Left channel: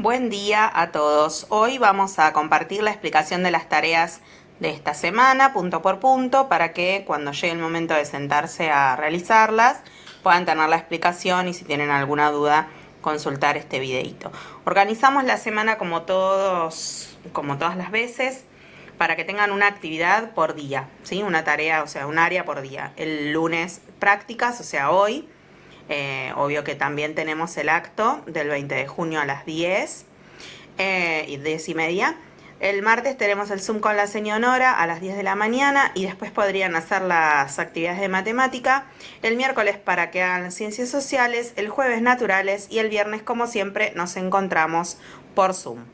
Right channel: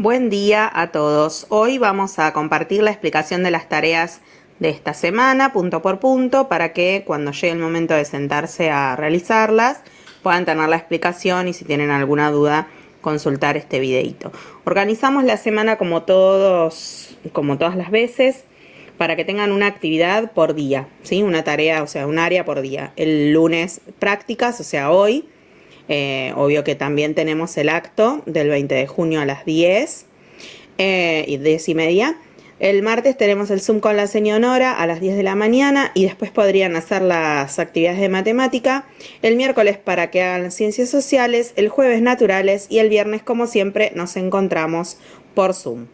Buen día a todos. Hoy vamos a compartir la explicación de las tareas de esta semana, punto por punto, para que cuando llegue el momento de sentarse a realizarlas puedan tener la explicación y si tienen alguna duda consultar este videito. Organizamos la semana como todas las veces para que tengan una actividad por día, ¿sí? Una tarea, o sea, un área por día. El lunes prácticas, o sea, hoy. Obvio que también tenemos el acto del 20 de junio a las 10 y 10:30. El martes tenemos el Zoom con la señora Nora a las 10 de la mañana y después podrían hacer las actividades de matemática. El miércoles para que hagan las ciencias sociales, el jueves naturales y el viernes, como siempre, nos encontramos por Zoom.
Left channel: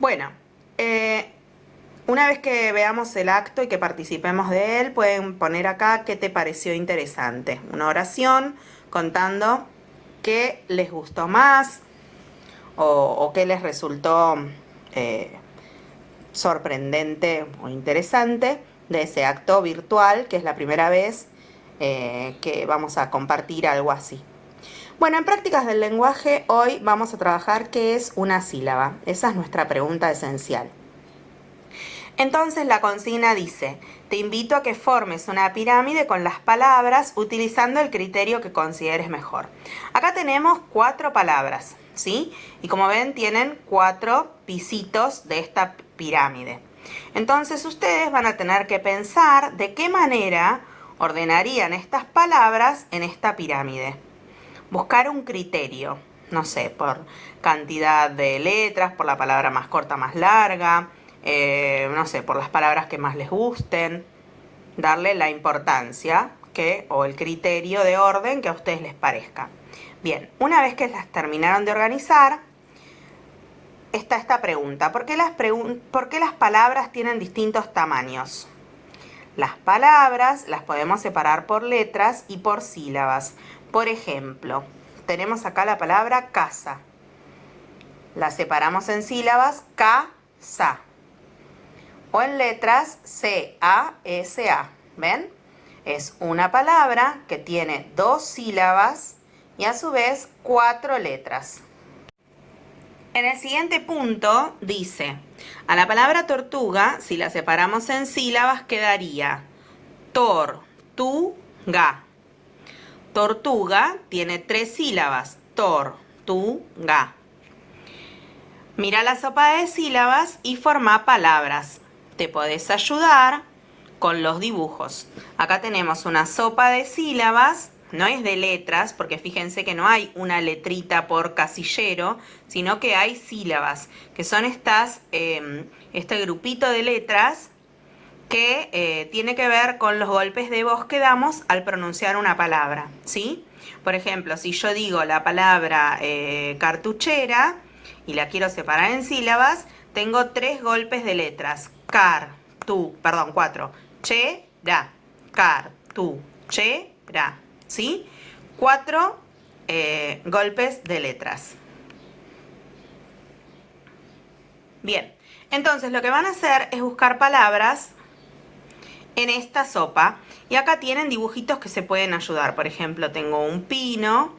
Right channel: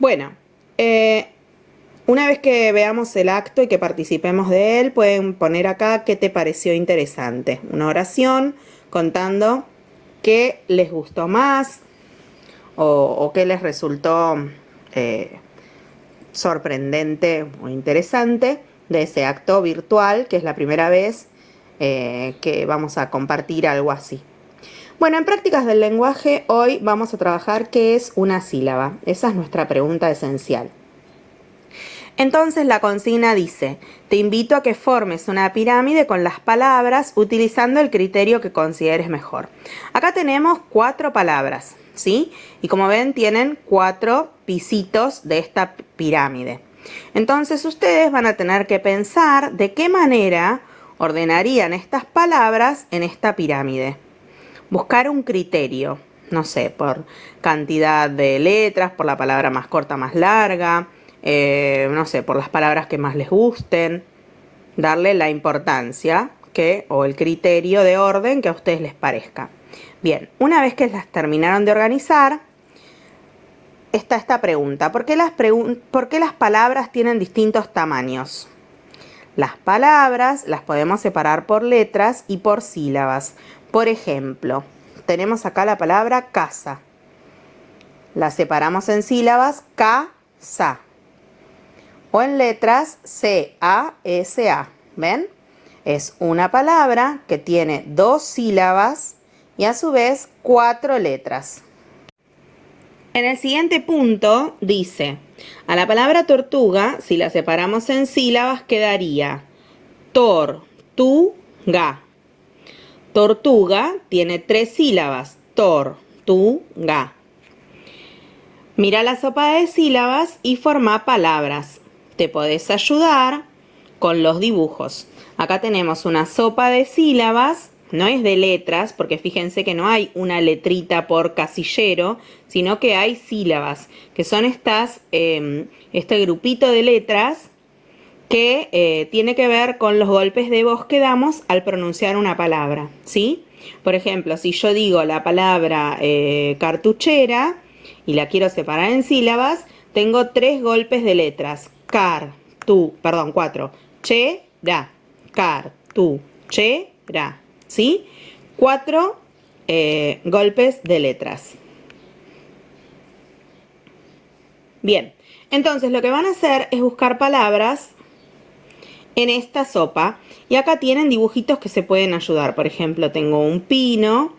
Bueno, una vez que veamos el acto y que participemos de él, pueden poner acá qué te pareció interesante. Una oración contando qué les gustó más o qué les resultó sorprendente o interesante de ese acto virtual, que es la primera vez que vamos a compartir algo así. Bueno, en prácticas del lenguaje hoy vamos a trabajar qué es una sílaba. Esa es nuestra pregunta esencial. Entonces la consigna dice, te invito a que formes una pirámide con las palabras utilizando el criterio que consideres mejor. Acá tenemos 4 palabras, ¿sí? Y como ven tienen 4 pisitos de esta pirámide. Entonces ustedes van a tener que pensar de qué manera ordenarían estas palabras en esta pirámide. Buscar un criterio, no sé, por cantidad de letras, por la palabra más corta, más larga, no sé, por las palabras que más les gusten, darle la importancia o el criterio de orden que a ustedes les parezca. Bien, una vez que las terminaron de organizar, está esta pregunta, ¿por qué las palabras tienen distintos tamaños? Las palabras las podemos separar por letras y por sílabas. Por ejemplo, tenemos acá la palabra casa. La separamos en sílabas ca-sa. O en letras C-A-S-A. ¿Ven? Es una palabra que tiene 2 sílabas y a su vez 4 letras. En el siguiente punto dice, a la palabra tortuga, si la separamos en sílabas, quedaría tor-tu-ga. Tortuga tiene 3 sílabas, tor-tu-ga. Mira la sopa de sílabas y forma palabras. Te podés ayudar con los dibujos. Acá tenemos una sopa de sílabas, no es de letras, porque fíjense que no hay una letrita por casillero, sino que hay sílabas, que son este grupito de letras que tiene que ver con los golpes de voz que damos al pronunciar una palabra, ¿sí? Por ejemplo, si yo digo la palabra cartuchera y la quiero separar en sílabas, tengo 3 golpes de letras. 4. Che, ra. Che, ra. ¿Sí? 4 golpes de letras. Bien, entonces lo que van a hacer es buscar palabras en esta sopa y acá tienen dibujitos que se pueden ayudar. Por ejemplo, tengo un pino,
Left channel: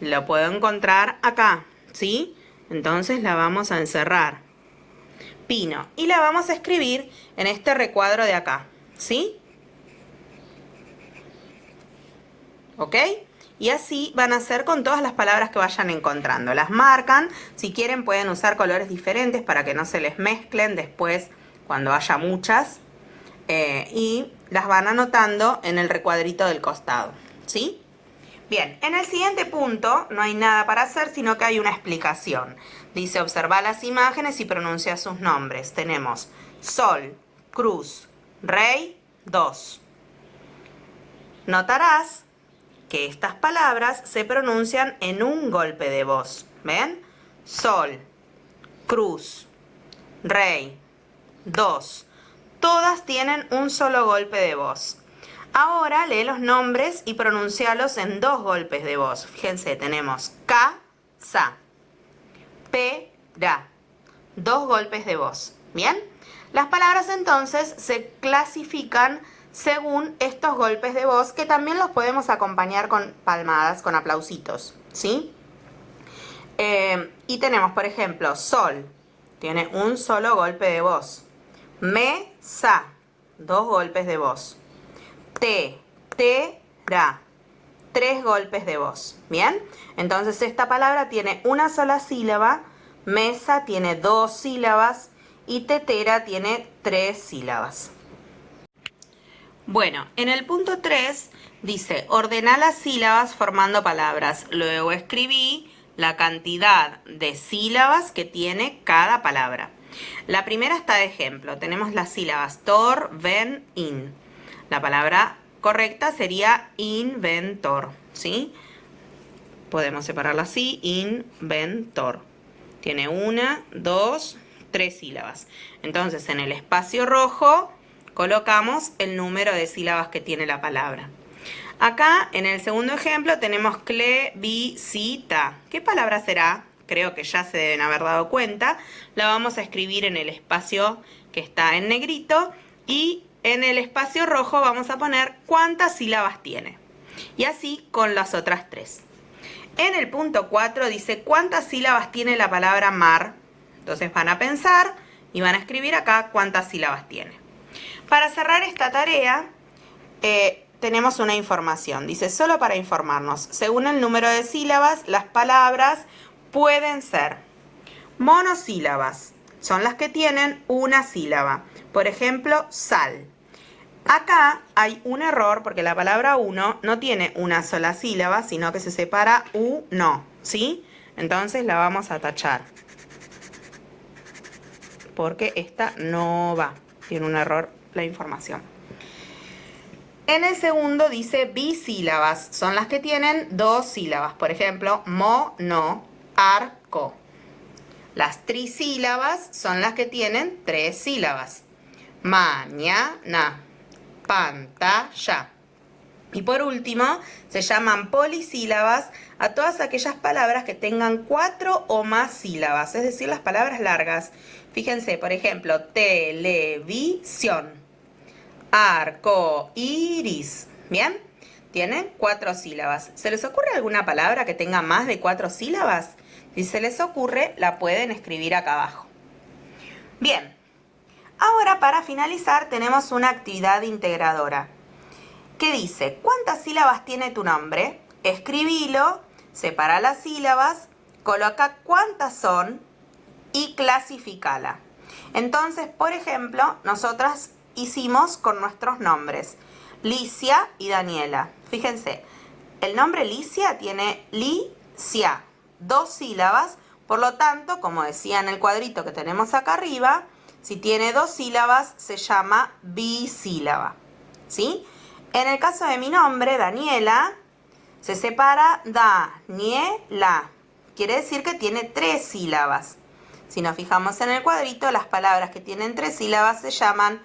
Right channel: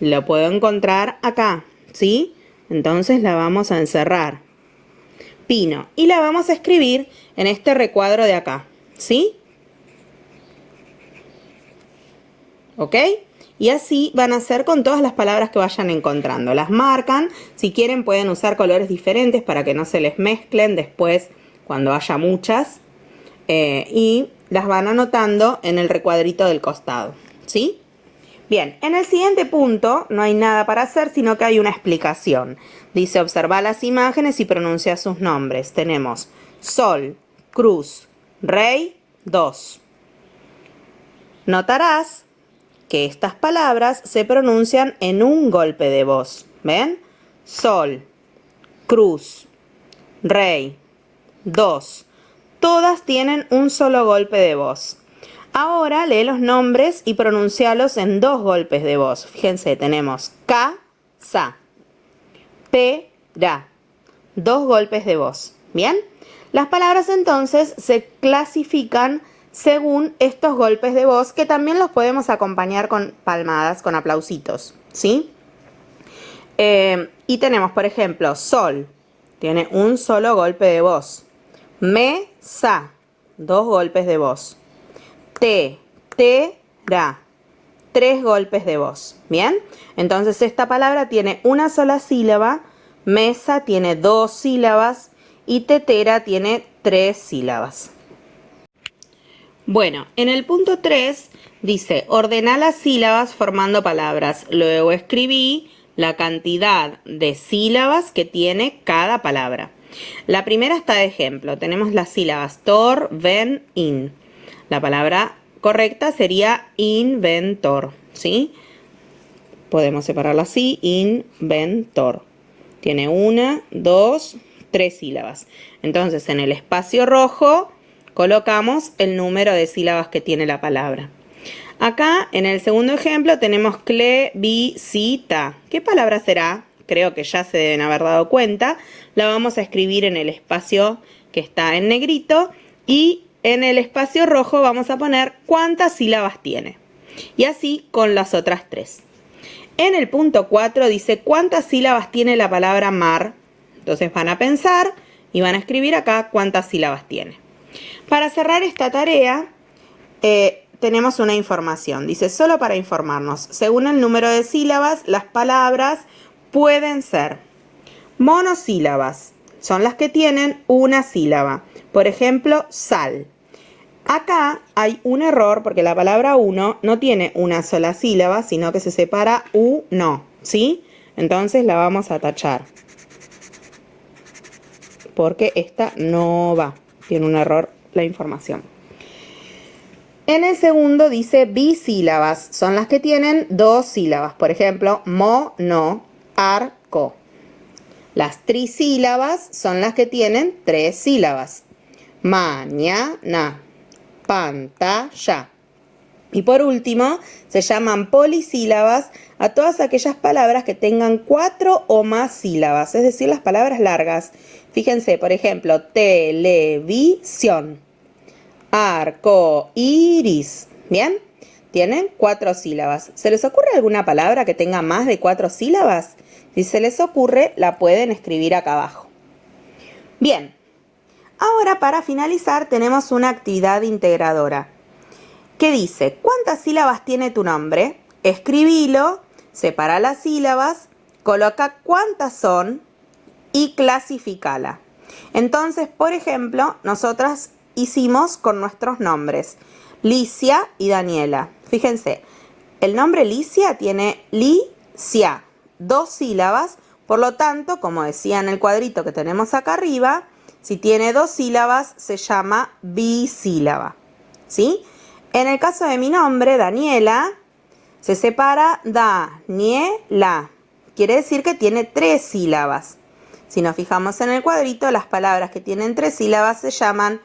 lo puedo encontrar acá, ¿sí? Entonces la vamos a encerrar. Pino. Y la vamos a escribir en este recuadro de acá, ¿sí? ¿Ok? Y así van a hacer con todas las palabras que vayan encontrando. Las marcan, si quieren pueden usar colores diferentes para que no se les mezclen después cuando haya muchas. Y las van anotando en el recuadrito del costado, ¿sí? Bien, en el siguiente punto no hay nada para hacer, sino que hay una explicación. Dice, observa las imágenes y pronuncia sus nombres. Tenemos sol, cruz, rey, 2. Notarás que estas palabras se pronuncian en un golpe de voz. ¿Ven? Sol, cruz, rey, 2. Todas tienen un solo golpe de voz. Ahora lee los nombres y pronuncialos en 2 golpes de voz. Fíjense, tenemos K, sa, P, ga. 2 golpes de voz. ¿Bien? Las palabras entonces se clasifican según estos golpes de voz, que también los podemos acompañar con palmadas, con aplausitos, ¿sí? Y tenemos, por ejemplo, sol, tiene un solo golpe de voz. Mesa, 2 golpes de voz. Ra, 3 golpes de voz. ¿Bien? Entonces esta palabra tiene una sola sílaba, mesa tiene 2 sílabas y tetera tiene 3 sílabas. Bueno, en el punto 3 dice, ordena las sílabas formando palabras. Luego escribí la cantidad de sílabas que tiene cada palabra. La primera está de ejemplo. Tenemos las sílabas tor, ven, in. La palabra correcta sería inventor, ¿sí? Podemos separarla así, inventor. Tiene 1, 2, 3 sílabas. Entonces, en el espacio rojo colocamos el número de sílabas que tiene la palabra. Acá, en el segundo ejemplo, tenemos clebicita. ¿Qué palabra será? Creo que ya se deben haber dado cuenta. La vamos a escribir en el espacio que está en negrito y en el espacio rojo vamos a poner cuántas sílabas tiene. Y así con las otras 3. En el punto 4 dice cuántas sílabas tiene la palabra mar. Entonces van a pensar y van a escribir acá cuántas sílabas tiene. Para cerrar esta tarea, tenemos una información. Dice, solo para informarnos, según el número de sílabas, las palabras pueden ser monosílabas. Son las que tienen una sílaba. Por ejemplo, sal. Acá hay un error porque la palabra uno no tiene una sola sílaba, sino que se separa uno, ¿sí? Entonces la vamos a tachar. Porque esta no va. Tiene un error la información. En el segundo dice bisílabas. Son las que tienen 2 sílabas. Por ejemplo, mono, arco. Las trisílabas son las que tienen 3 sílabas. Mañana, pantalla. Y por último, se llaman polisílabas a todas aquellas palabras que tengan 4 o más sílabas. Es decir, las palabras largas. Fíjense, por ejemplo, televisión, arco iris. ¿Bien? Tienen 4 sílabas. ¿Se les ocurre alguna palabra que tenga más de 4 sílabas? Si se les ocurre, la pueden escribir acá abajo. Bien. Ahora, para finalizar, tenemos una actividad integradora que dice, ¿cuántas sílabas tiene tu nombre? Escribilo, separa las sílabas, coloca cuántas son y clasifícala. Entonces, por ejemplo, nosotras hicimos con nuestros nombres, Licia y Daniela. Fíjense, el nombre Licia tiene Licia, 2 sílabas, por lo tanto, como decía en el cuadrito que tenemos acá arriba, si tiene 2 sílabas se llama bisílaba, ¿sí? En el caso de mi nombre, Daniela, se separa Daniela. Quiere decir que tiene 3 sílabas. Si nos fijamos en el cuadrito, las palabras que tienen 3 sílabas se llaman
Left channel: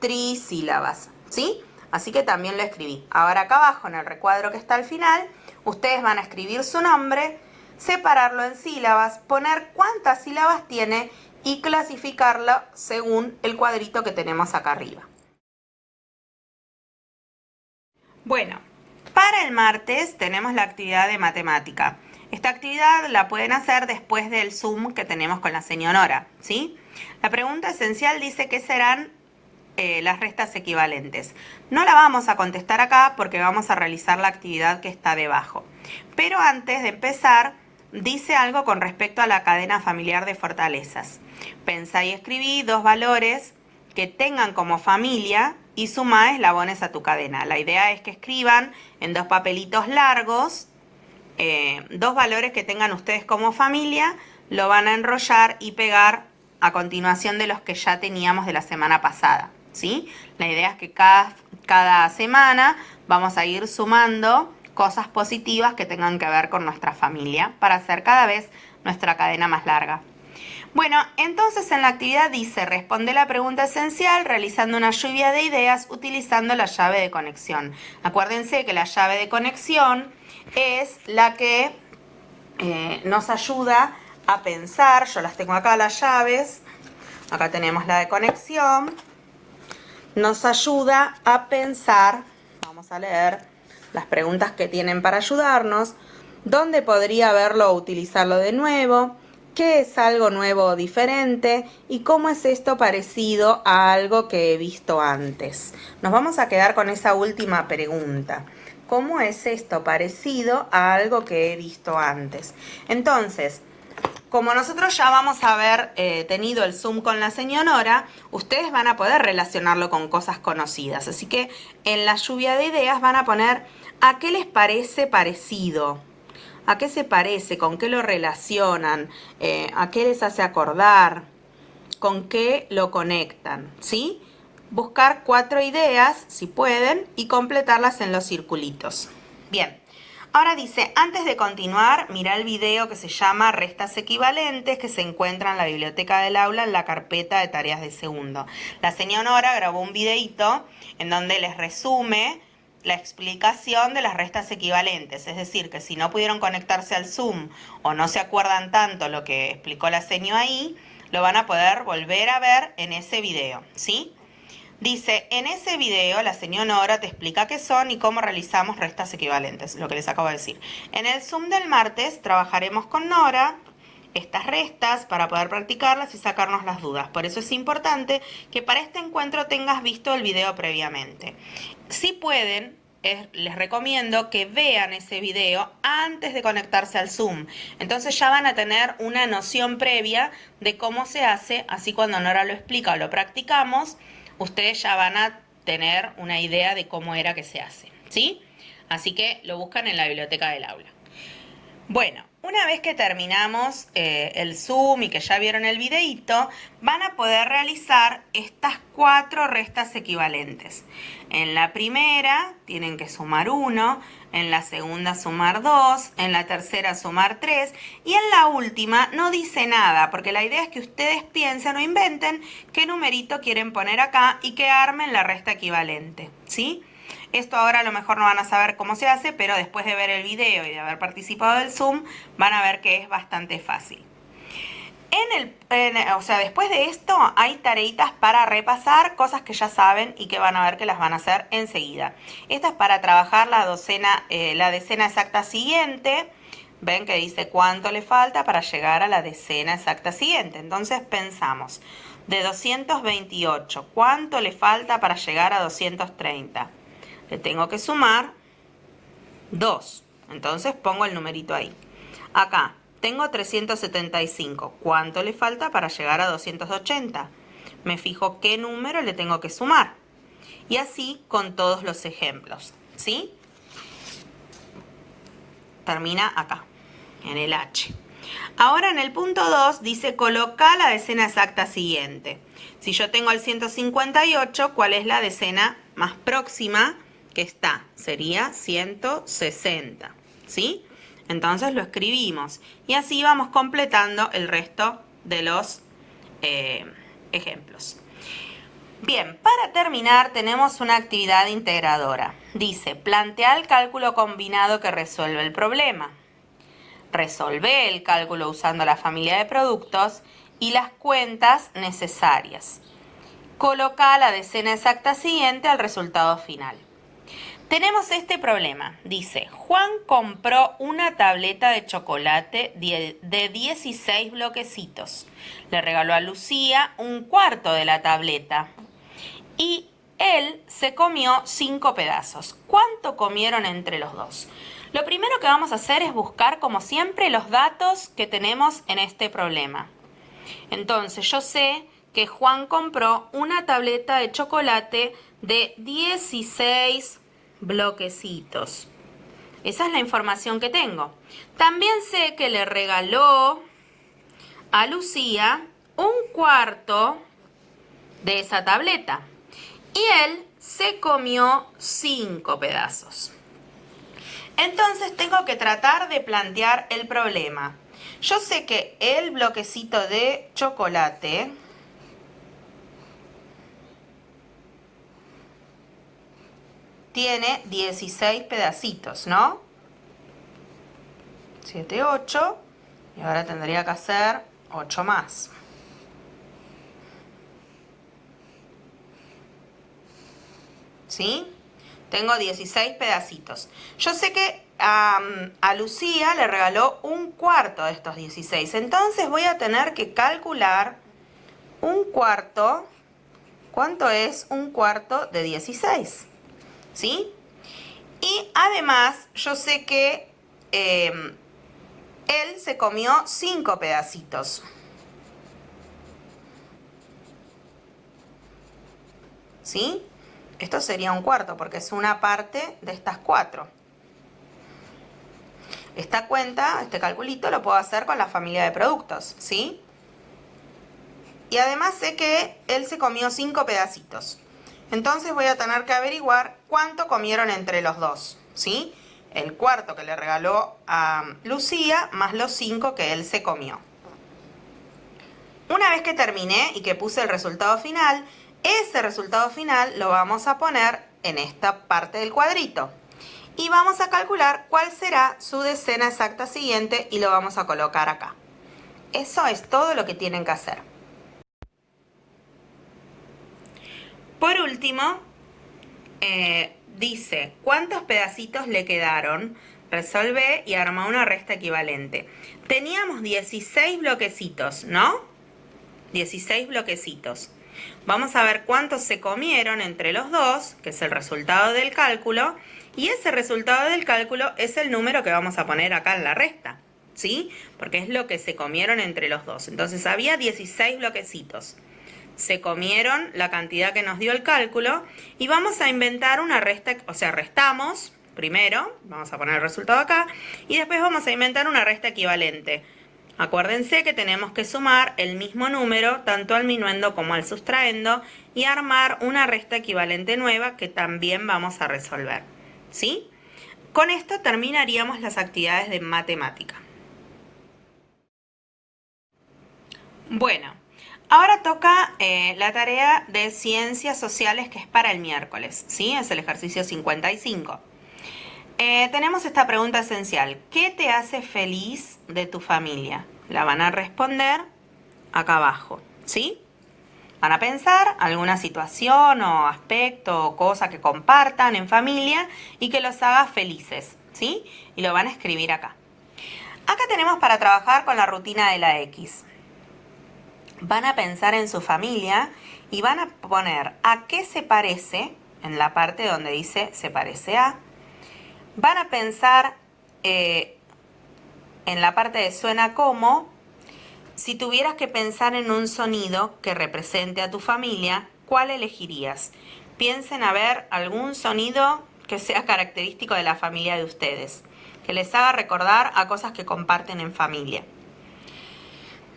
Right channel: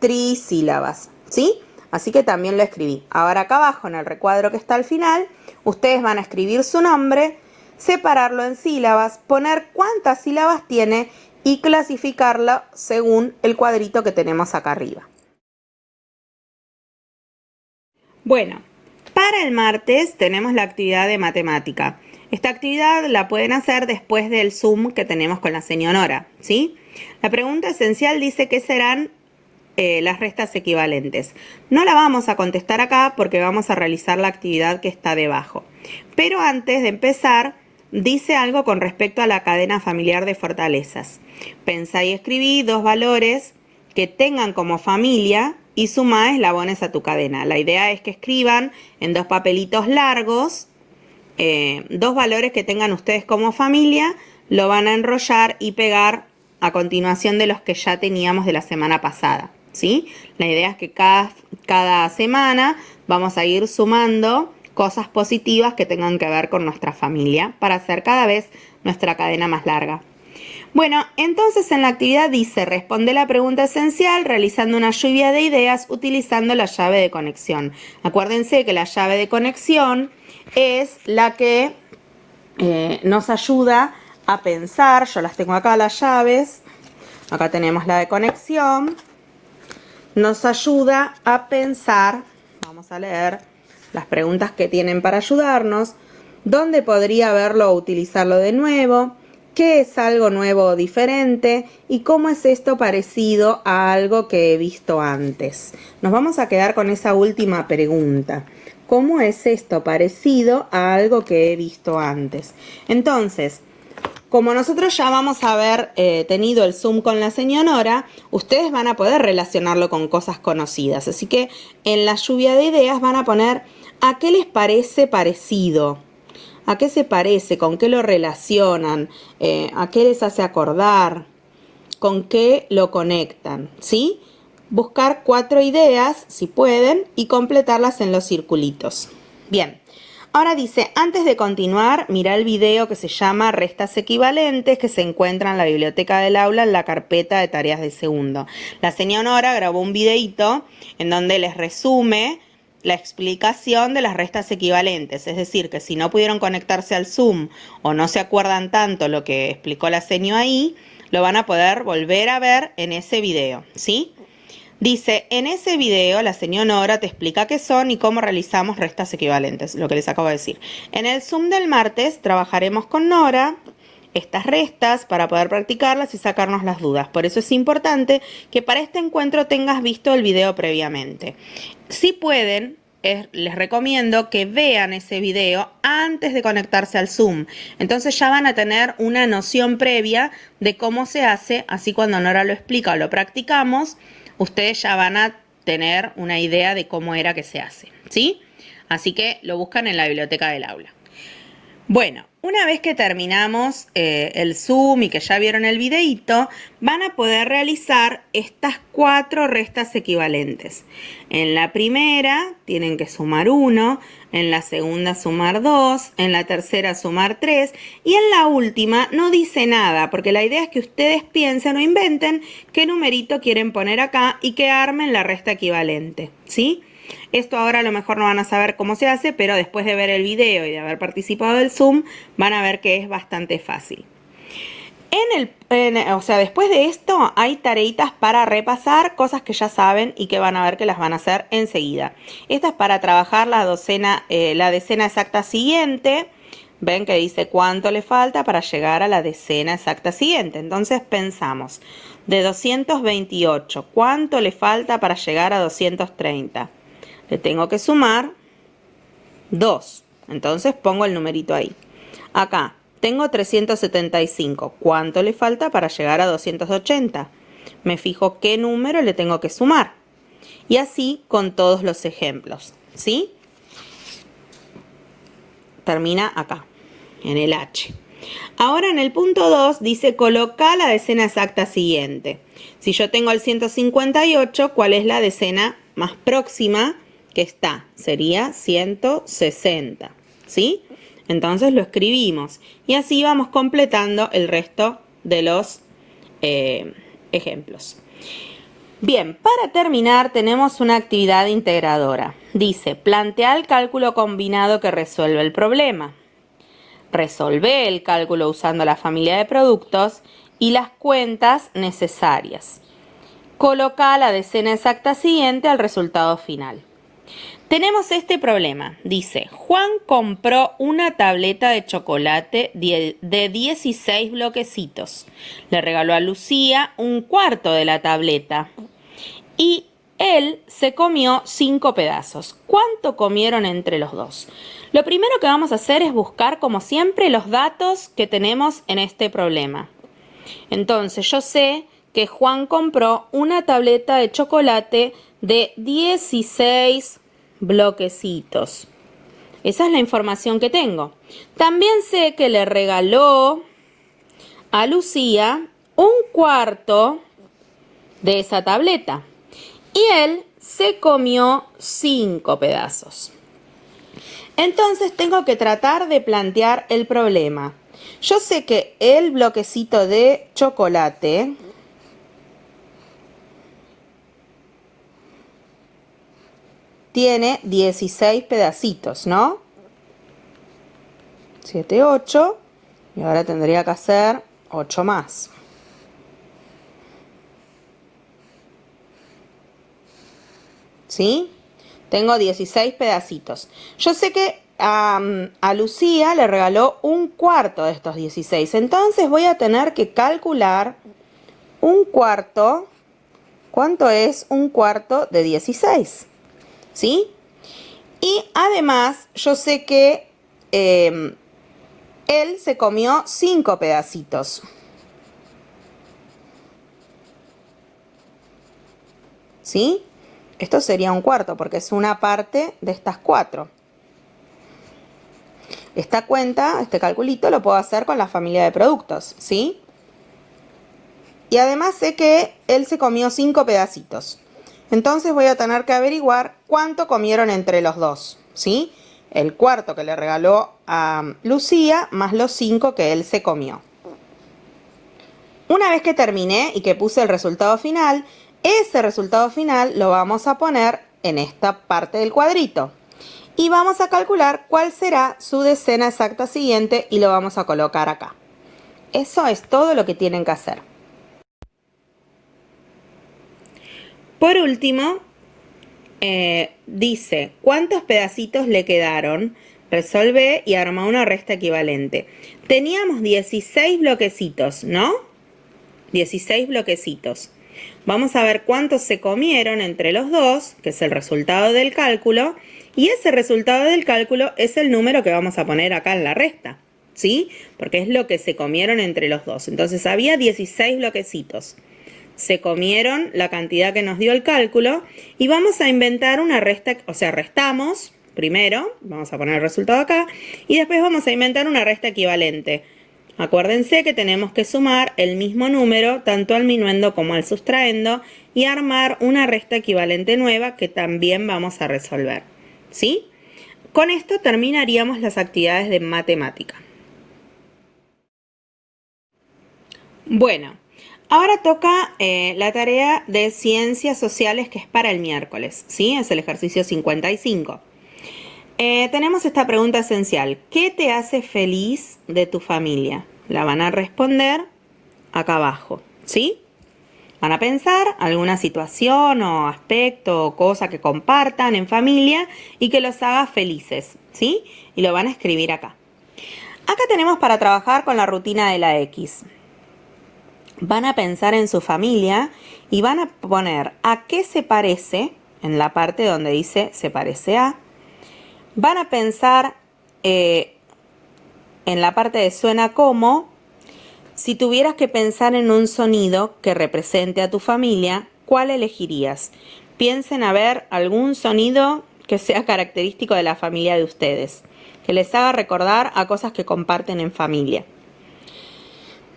trisílabas, ¿sí? Así que también lo escribí. Ahora acá abajo, en el recuadro que está al final, ustedes van a escribir su nombre, separarlo en sílabas, poner cuántas sílabas tiene y clasificarlo según el cuadrito que tenemos acá arriba. Bueno, para el martes tenemos la actividad de matemática. Esta actividad la pueden hacer después del Zoom que tenemos con la señora Nora, ¿sí? La pregunta esencial dice qué serán las restas equivalentes. No la vamos a contestar acá porque vamos a realizar la actividad que está debajo. Pero antes de empezar, dice algo con respecto a la cadena familiar de fortalezas. Pensá y escribí 2 valores que tengan como familia y sumá eslabones a tu cadena. La idea es que escriban en 2 papelitos largos 2 valores que tengan ustedes como familia, lo van a enrollar y pegar a continuación de los que ya teníamos de la semana pasada, ¿sí? La idea es que cada semana vamos a ir sumando cosas positivas que tengan que ver con nuestra familia para hacer cada vez nuestra cadena más larga. Bueno, entonces en la actividad dice, responde la pregunta esencial realizando una lluvia de ideas utilizando la llave de conexión. Acuérdense que la llave de conexión es la que nos ayuda a pensar. Yo las tengo acá, las llaves. Acá tenemos la de conexión. Nos ayuda a pensar. Vamos a leer las preguntas que tienen para ayudarnos. dónde podría verlo o utilizarlo de nuevo, qué es algo nuevo o diferente y cómo es esto parecido a algo que he visto antes. Nos vamos a quedar con esa última pregunta. ¿Cómo es esto parecido a algo que he visto antes? Entonces, como nosotros ya vamos a haber tenido el Zoom con la señora Nora, ustedes van a poder relacionarlo con cosas conocidas. Así que en la lluvia de ideas van a poner ¿a qué les parece parecido? ¿A qué se parece? ¿Con qué lo relacionan? ¿A qué les hace acordar? ¿Con qué lo conectan? ¿Sí? Buscar 4 ideas, si pueden, y completarlas en los circulitos. Bien. Ahora dice, antes de continuar, mira el video que se llama Restas Equivalentes, que se encuentra en la biblioteca del aula en la carpeta de tareas de segundo. La señora Nora grabó un videito en donde les resume la explicación de las restas equivalentes. Es decir, que si no pudieron conectarse al Zoom o no se acuerdan tanto lo que explicó la señora ahí, lo van a poder volver a ver en ese video, ¿sí? Dice, en ese video la señora Nora te explica qué son y cómo realizamos restas equivalentes, lo que les acabo de decir. En el Zoom del martes trabajaremos con Nora estas restas para poder practicarlas y sacarnos las dudas. Por eso es importante que para este encuentro tengas visto el video previamente. Si pueden, les recomiendo que vean ese video antes de conectarse al Zoom. Entonces ya van a tener una noción previa de cómo se hace, así cuando Nora lo explica o lo practicamos, ustedes ya van a tener una idea de cómo era que se hace, ¿sí? Así que lo buscan en la biblioteca del aula. Bueno, una vez que terminamos el Zoom y que ya vieron el videíto, van a poder realizar estas 4 restas equivalentes. En la primera tienen que sumar 1, en la segunda sumar 2, en la tercera sumar 3 y en la última no dice nada, porque la idea es que ustedes piensen o inventen qué numerito quieren poner acá y que armen la resta equivalente, ¿sí? Esto ahora a lo mejor no van a saber cómo se hace, pero después de ver el video y de haber participado del Zoom, van a ver que es bastante fácil. Después de esto hay tareitas para repasar, cosas que ya saben y que van a ver que las van a hacer enseguida. Esta es para trabajar la decena exacta siguiente. Ven que dice cuánto le falta para llegar a la decena exacta siguiente. Entonces pensamos, de 228, ¿cuánto le falta para llegar a 230? Le tengo que sumar 2. Entonces pongo el numerito ahí. Acá tengo 375. ¿Cuánto le falta para llegar a 280? Me fijo qué número le tengo que sumar. Y así con todos los ejemplos, ¿sí? Termina acá, en el H. Ahora en el punto 2 dice coloca la decena exacta siguiente. Si yo tengo el 158, ¿cuál es la decena más próxima que está? Sería 160, ¿sí? Entonces lo escribimos y así vamos completando el resto de los ejemplos. Bien, para terminar tenemos una actividad integradora. Dice, plantea el cálculo combinado que resuelve el problema. Resolve el cálculo usando la familia de productos y las cuentas necesarias. Coloca la decena exacta siguiente al resultado final. Tenemos este problema. Dice, Juan compró una tableta de chocolate de 16 bloquecitos. Le regaló a Lucía un cuarto de la tableta y él se comió 5 pedazos. ¿Cuánto comieron entre los dos? Lo primero que vamos a hacer es buscar, como siempre, los datos que tenemos en este problema. Entonces, yo sé que Juan compró una tableta de chocolate de 16 bloquecitos. Esa es la información que tengo. También sé que le regaló a Lucía un cuarto de esa tableta. Y él se comió 5 pedazos. Entonces tengo que tratar de plantear el problema. Yo sé que el bloquecito de chocolate tiene 16 pedacitos, ¿no? 7, 8. Y ahora tendría que hacer 8 más. ¿Sí? Tengo 16 pedacitos. Yo sé que a Lucía le regaló un cuarto de estos 16. Entonces voy a tener que calcular un cuarto. ¿Cuánto es un cuarto de 16? ¿Sí? Y además yo sé que él se comió 5 pedacitos. ¿Sí? Esto sería un cuarto porque es una parte de estas 4. Esta cuenta, este calculito, lo puedo hacer con la familia de productos, ¿sí? Y además sé que él se comió 5 pedacitos. Entonces voy a tener que averiguar cuánto comieron entre los dos, ¿sí? El cuarto que le regaló a Lucía más los 5 que él se comió. Una vez que terminé y que puse el resultado final, ese resultado final lo vamos a poner en esta parte del cuadrito. Y vamos a calcular cuál será su decena exacta siguiente y lo vamos a colocar acá. Eso es todo lo que tienen que hacer. Por último, dice, ¿cuántos pedacitos le quedaron? Resolvé y arma una resta equivalente. Teníamos 16 bloquecitos, ¿no? 16 bloquecitos. Vamos a ver cuántos se comieron entre los dos, que es el resultado del cálculo, y ese resultado del cálculo es el número que vamos a poner acá en la resta, ¿sí? Porque es lo que se comieron entre los dos. Entonces había 16 bloquecitos. Se comieron la cantidad que nos dio el cálculo y vamos a inventar una resta, o sea, restamos primero, vamos a poner el resultado acá, y después vamos a inventar una resta equivalente. Acuérdense que tenemos que sumar el mismo número tanto al minuendo como al sustraendo y armar una resta equivalente nueva que también vamos a resolver, ¿sí? Con esto terminaríamos las actividades de matemática. Bueno, ahora toca la tarea de ciencias sociales que es para el miércoles, ¿sí? Es el ejercicio 55. Tenemos esta pregunta esencial. ¿Qué te hace feliz de tu familia? La van a responder acá abajo, ¿sí? Van a pensar alguna situación o aspecto o cosa que compartan en familia y que los haga felices, ¿sí? Y lo van a escribir acá. Acá tenemos para trabajar con la rutina de la X. Van a pensar en su familia y van a poner a qué se parece en la parte donde dice se parece a. Van a pensar en la parte de suena como. Si tuvieras que pensar en un sonido que represente a tu familia, ¿cuál elegirías? Piensen a ver algún sonido que sea característico de la familia de ustedes, que les haga recordar a cosas que comparten en familia.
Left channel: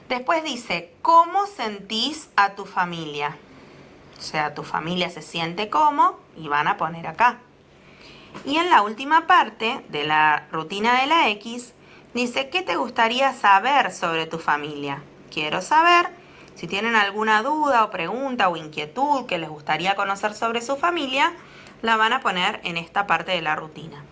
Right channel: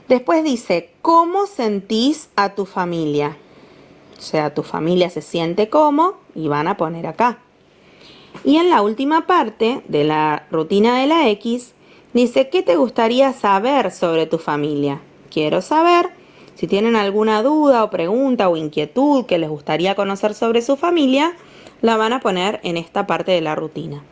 Después dice, ¿cómo sentís a tu familia? O sea, tu familia se siente como, y van a poner acá. Y en la última parte de la rutina de la X, dice, ¿qué te gustaría saber sobre tu familia? Quiero saber. Si tienen alguna duda o pregunta o inquietud que les gustaría conocer sobre su familia, la van a poner en esta parte de la rutina.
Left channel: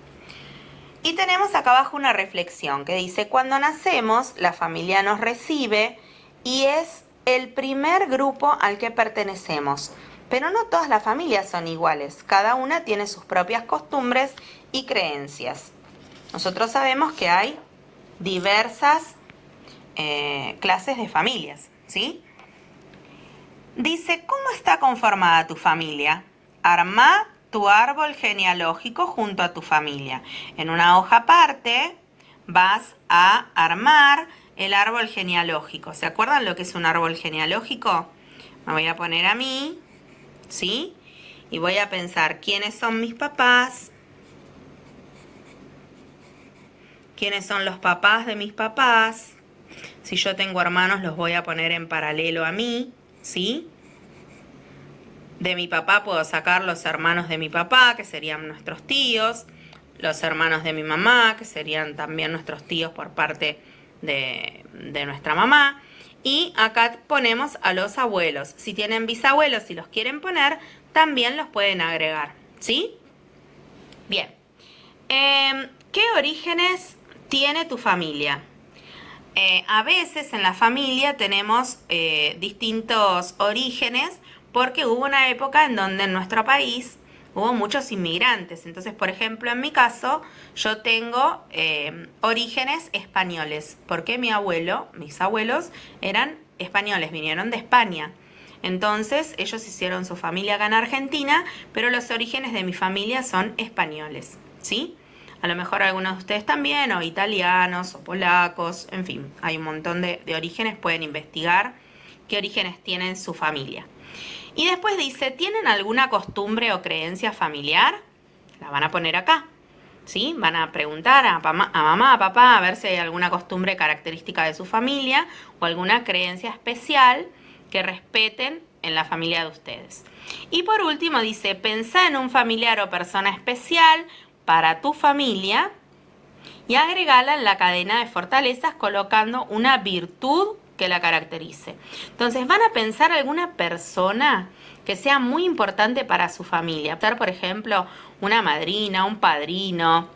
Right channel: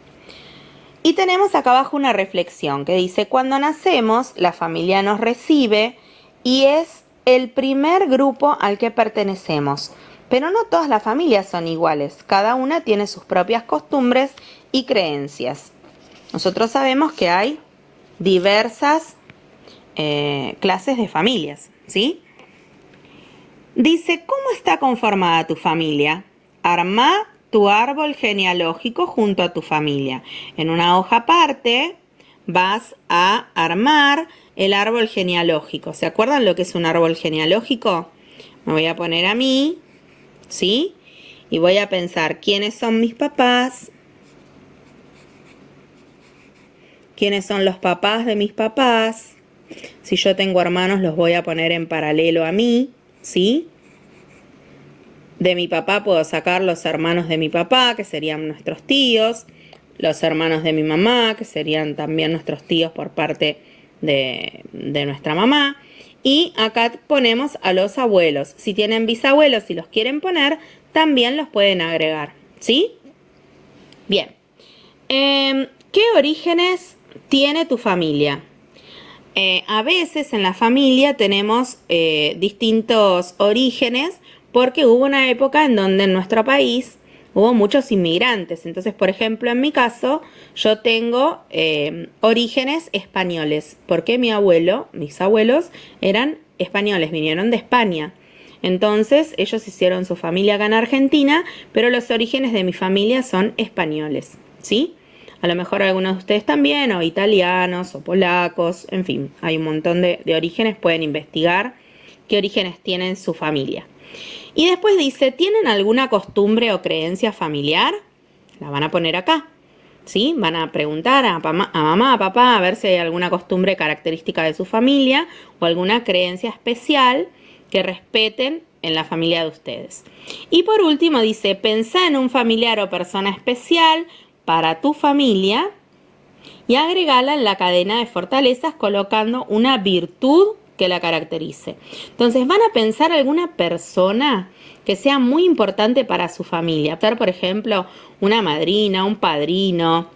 Y tenemos acá abajo una reflexión que dice, cuando nacemos, la familia nos recibe y es el primer grupo al que pertenecemos. Pero no todas las familias son iguales, cada una tiene sus propias costumbres y creencias. Nosotros sabemos que hay diversas clases de familias, ¿sí? Dice, ¿cómo está conformada tu familia? Armá tu árbol genealógico junto a tu familia. En una hoja aparte vas a armar el árbol genealógico. ¿Se acuerdan lo que es un árbol genealógico? Me voy a poner a mí, ¿sí? Y voy a pensar quiénes son mis papás, quiénes son los papás de mis papás. Si yo tengo hermanos, los voy a poner en paralelo a mí, ¿sí? De mi papá puedo sacar los hermanos de mi papá, que serían nuestros tíos, los hermanos de mi mamá, que serían también nuestros tíos por parte de nuestra mamá. Y acá ponemos a los abuelos. Si tienen bisabuelos y los quieren poner, también los pueden agregar, ¿sí? Bien. ¿Qué orígenes tiene tu familia? A veces en la familia tenemos distintos orígenes porque hubo una época en donde en nuestro país hubo muchos inmigrantes. Entonces, por ejemplo, en mi caso, yo tengo orígenes españoles, porque mi abuelo, mis abuelos eran españoles, vinieron de España. Entonces ellos hicieron su familia acá en Argentina, pero los orígenes de mi familia son españoles, ¿sí? A lo mejor algunos de ustedes también, o italianos, o polacos, en fin, hay un montón de orígenes, pueden investigar qué orígenes tienen su familia. Y después dice, ¿tienen alguna costumbre o creencia familiar? La van a poner acá, ¿sí? Van a preguntar a mamá, a papá, a ver si hay alguna costumbre característica de su familia o alguna creencia especial que respeten en la familia de ustedes. Y por último dice, pensá en un familiar o persona especial para tu familia y agregala en la cadena de fortalezas colocando una virtud que la caracterice. Entonces van a pensar alguna persona que sea muy importante para su familia. Por ejemplo, una madrina, un padrino,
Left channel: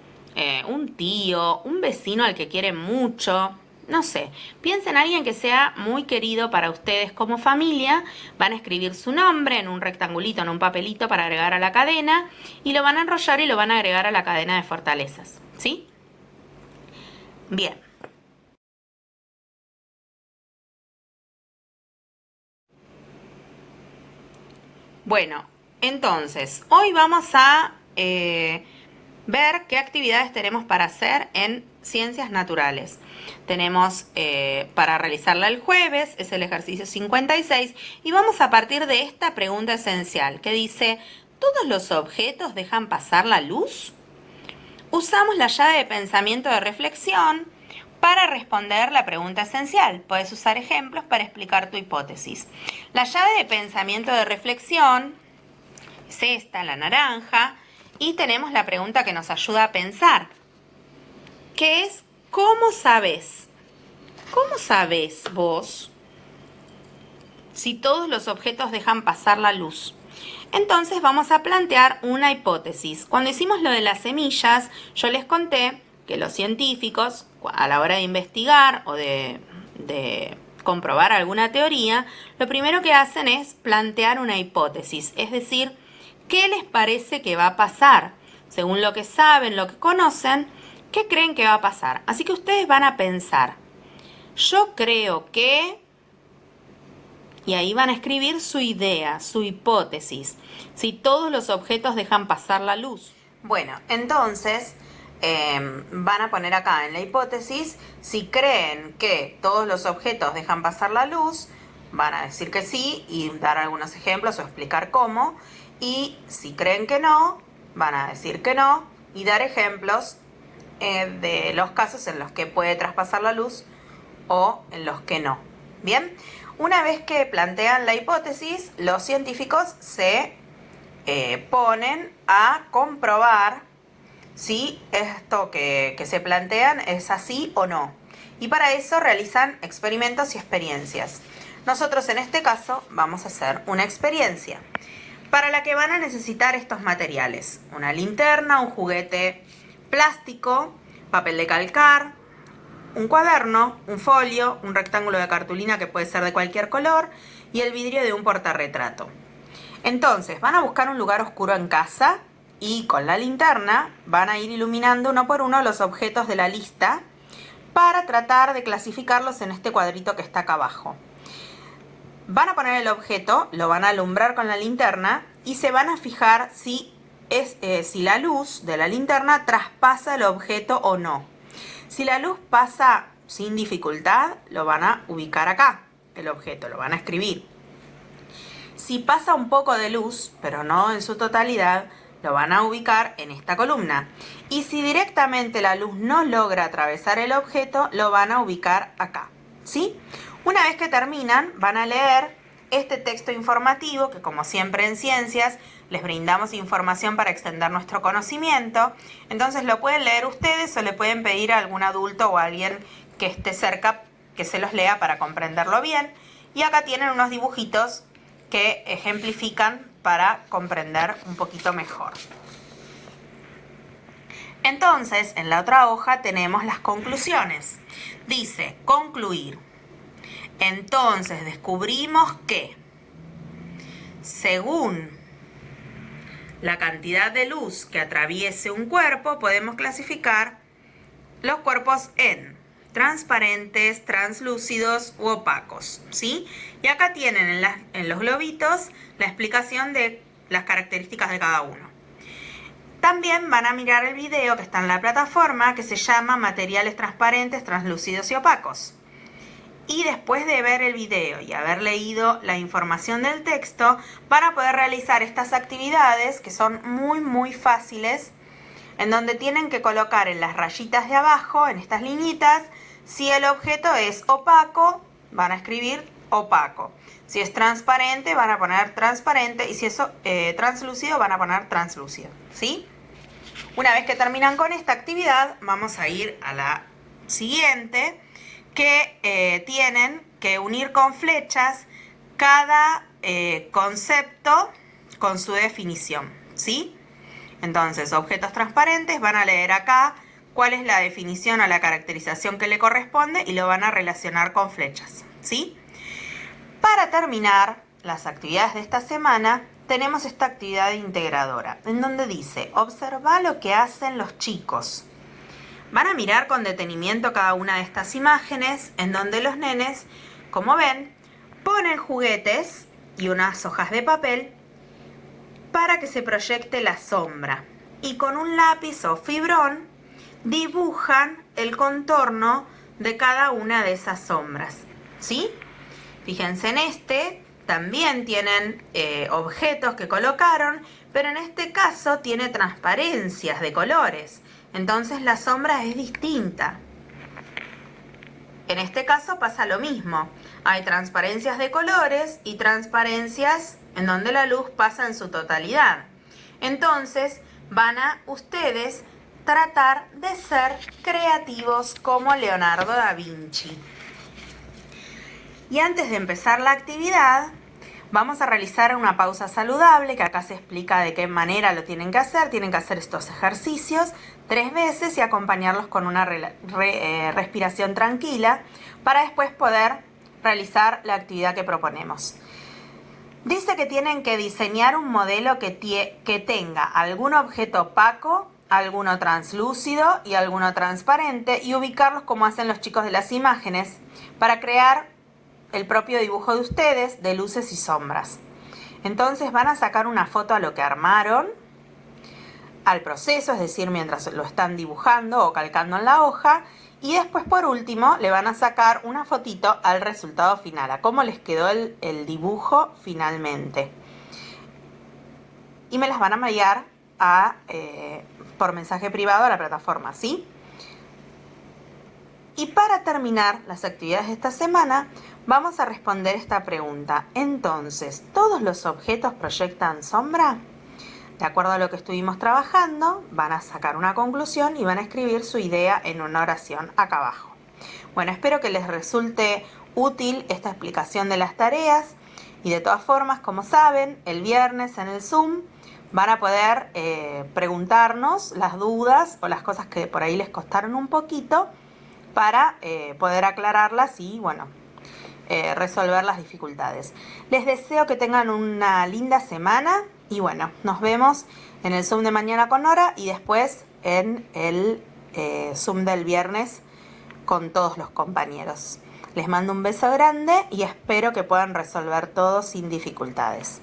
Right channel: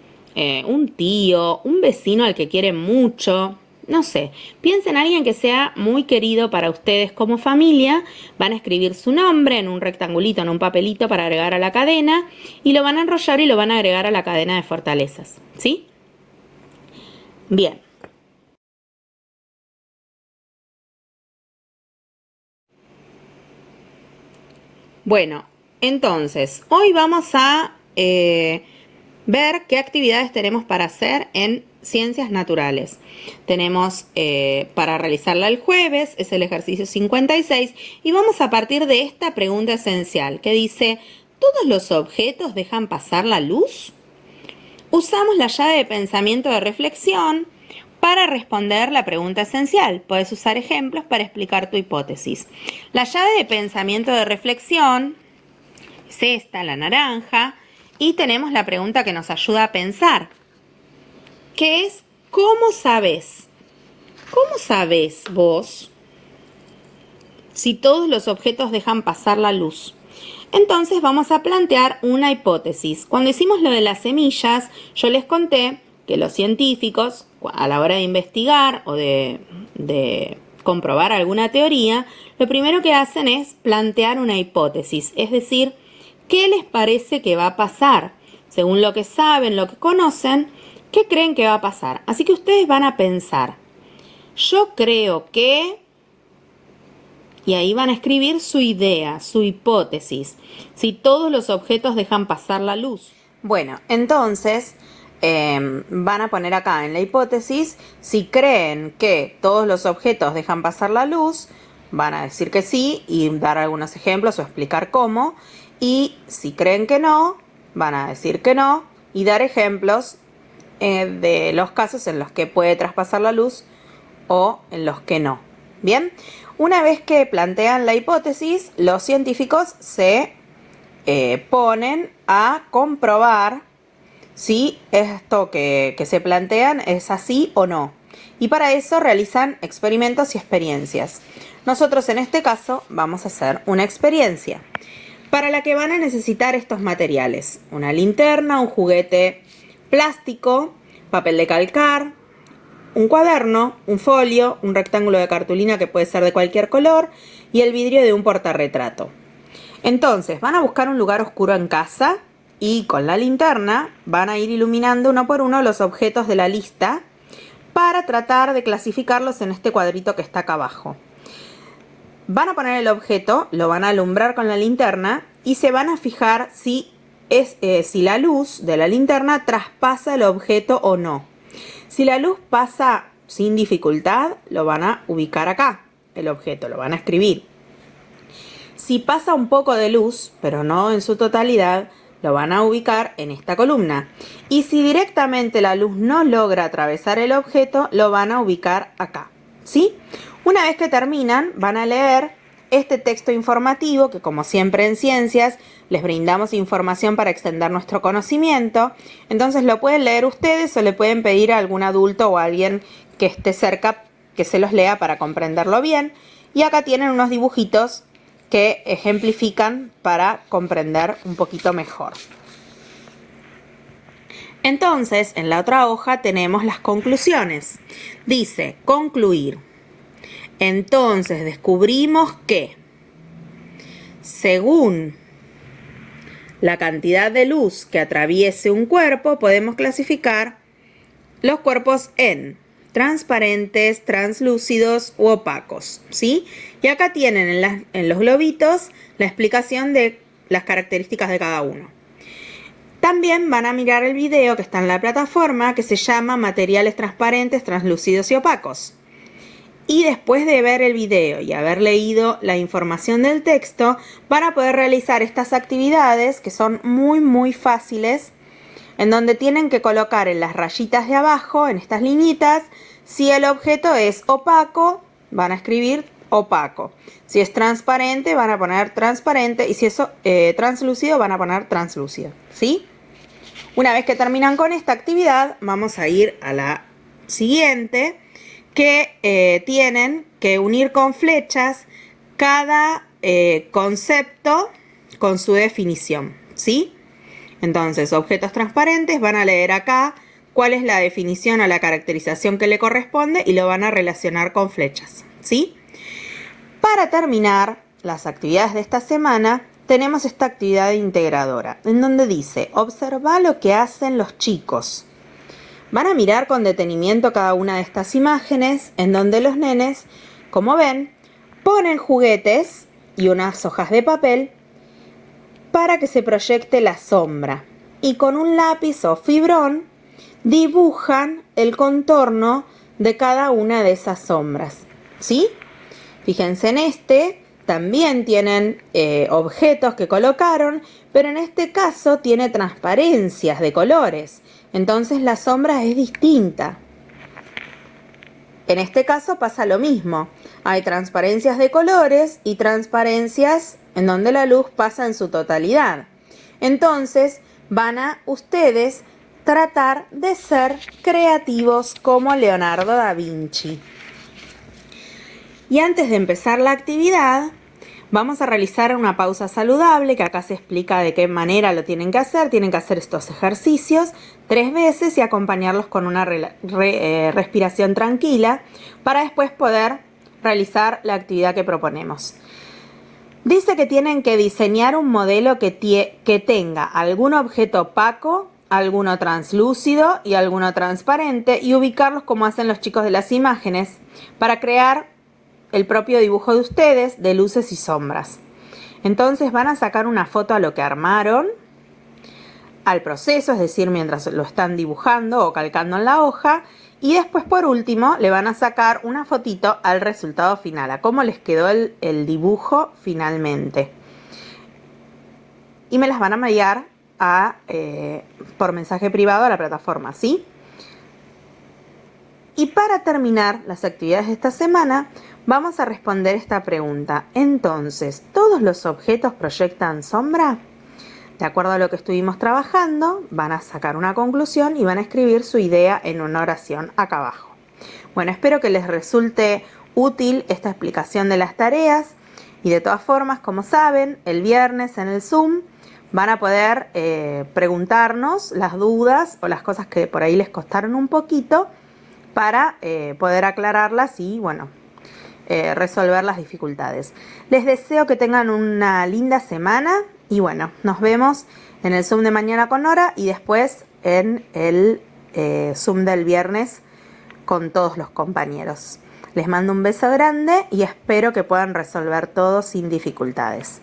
un tío, un vecino al que quieren mucho. No sé, piensen en alguien que sea muy querido para ustedes como familia, van a escribir su nombre en un rectangulito, en un papelito para agregar a la cadena y lo van a enrollar y lo van a agregar a la cadena de fortalezas, ¿sí? Bien. Bueno, entonces, hoy vamos a ver qué actividades tenemos para hacer en ciencias naturales. Tenemos para realizarla el jueves, es el ejercicio 56, y vamos a partir de esta pregunta esencial que dice, ¿todos los objetos dejan pasar la luz? Usamos la llave de pensamiento de reflexión para responder la pregunta esencial. Puedes usar ejemplos para explicar tu hipótesis. La llave de pensamiento de reflexión es esta, la naranja, y tenemos la pregunta que nos ayuda a pensar, que es ¿cómo sabes? ¿Cómo sabes vos si todos los objetos dejan pasar la luz? Entonces vamos a plantear una hipótesis. Cuando hicimos lo de las semillas, yo les conté que los científicos, a la hora de investigar o de comprobar alguna teoría, lo primero que hacen es plantear una hipótesis, es decir, ¿qué les parece que va a pasar? Según lo que saben, lo que conocen, ¿qué creen que va a pasar? Así que ustedes van a pensar, yo creo que... Y ahí van a escribir su idea, su hipótesis, si todos los objetos dejan pasar la luz. Bueno, entonces van a poner acá en la hipótesis, si creen que todos los objetos dejan pasar la luz, van a decir que sí y dar algunos ejemplos o explicar cómo. Y si creen que no, van a decir que no y dar ejemplos de los casos en los que puede traspasar la luz o en los que no. Bien, una vez que plantean la hipótesis, los científicos se ponen a comprobar si esto que se plantean es así o no. Y para eso realizan experimentos y experiencias. Nosotros en este caso vamos a hacer una experiencia para la que van a necesitar estos materiales. Una linterna, un juguete plástico, papel de calcar, un cuaderno, un folio, un rectángulo de cartulina que puede ser de cualquier color y el vidrio de un portarretrato. Entonces van a buscar un lugar oscuro en casa y con la linterna van a ir iluminando uno por uno los objetos de la lista para tratar de clasificarlos en este cuadrito que está acá abajo. Van a poner el objeto, lo van a alumbrar con la linterna y se van a fijar si la luz de la linterna traspasa el objeto o no. Si la luz pasa sin dificultad, lo van a ubicar acá, el objeto, lo van a escribir. Si pasa un poco de luz, pero no en su totalidad, lo van a ubicar en esta columna. Y si directamente la luz no logra atravesar el objeto, lo van a ubicar acá, ¿sí? Una vez que terminan, van a leer este texto informativo que, como siempre en ciencias, les brindamos información para extender nuestro conocimiento. Entonces lo pueden leer ustedes o le pueden pedir a algún adulto o a alguien que esté cerca que se los lea para comprenderlo bien. Y acá tienen unos dibujitos que ejemplifican para comprender un poquito mejor. Entonces, en la otra hoja tenemos las conclusiones. Dice, concluir. Entonces descubrimos que, según la cantidad de luz que atraviese un cuerpo, podemos clasificar los cuerpos en transparentes, translúcidos u opacos, ¿sí? Y acá tienen en los globitos la explicación de las características de cada uno. También van a mirar el video que está en la plataforma que se llama Materiales transparentes, translúcidos y opacos. Y después de ver el video y haber leído la información del texto, van a poder realizar estas actividades que son muy fáciles, en donde tienen que colocar en las rayitas de abajo, en estas liñitas, si el objeto es opaco, van a escribir opaco. Si es transparente, van a poner transparente, y si es translúcido, van a poner translúcido, ¿sí? Una vez que terminan con esta actividad, vamos a ir a la siguiente, que tienen que unir con flechas cada concepto con su definición, ¿sí? Entonces, objetos transparentes, van a leer acá cuál es la definición o la caracterización que le corresponde y lo van a relacionar con flechas, ¿sí? Para terminar las actividades de esta semana, tenemos esta actividad integradora, en donde dice, observa lo que hacen los chicos. Van a mirar con detenimiento cada una de estas imágenes, en donde los nenes, como ven, ponen juguetes y unas hojas de papel para que se proyecte la sombra. Y con un lápiz o fibrón dibujan el contorno de cada una de esas sombras, ¿sí? Fíjense en este, también tienen objetos que colocaron, pero en este caso tiene transparencias de colores. Entonces la sombra es distinta. En este caso pasa lo mismo. Hay transparencias de colores y transparencias en donde la luz pasa en su totalidad. Entonces van a ustedes tratar de ser creativos como Leonardo da Vinci. Y antes de empezar la actividad, vamos a realizar una pausa saludable, que acá se explica de qué manera lo tienen que hacer. Tienen que hacer estos ejercicios 3 veces y acompañarlos con una respiración tranquila para después poder realizar la actividad que proponemos. Dice que tienen que diseñar un modelo que tenga algún objeto opaco, alguno translúcido y alguno transparente, y ubicarlos como hacen los chicos de las imágenes para crear el propio dibujo de ustedes de luces y sombras. Entonces van a sacar una foto a lo que armaron, al proceso, es decir, mientras lo están dibujando o calcando en la hoja, y después por último le van a sacar una fotito al resultado final, a cómo les quedó el dibujo finalmente. Y me las van a enviar por mensaje privado a la plataforma, ¿sí? Y para terminar las actividades de esta semana, vamos a responder esta pregunta. Entonces, ¿todos los objetos proyectan sombra? De acuerdo a lo que estuvimos trabajando, van a sacar una conclusión y van a escribir su idea en una oración acá abajo. Bueno, espero que les resulte útil esta explicación de las tareas, y de todas formas, como saben, el viernes en el Zoom van a poder preguntarnos las dudas o las cosas que por ahí les costaron un poquito para poder aclararlas y, bueno, resolver las dificultades. Les deseo que tengan una linda semana y bueno, nos vemos en el Zoom de mañana con Nora y después en el Zoom del viernes con todos los compañeros. Les mando un beso grande y espero que puedan resolver todo sin dificultades.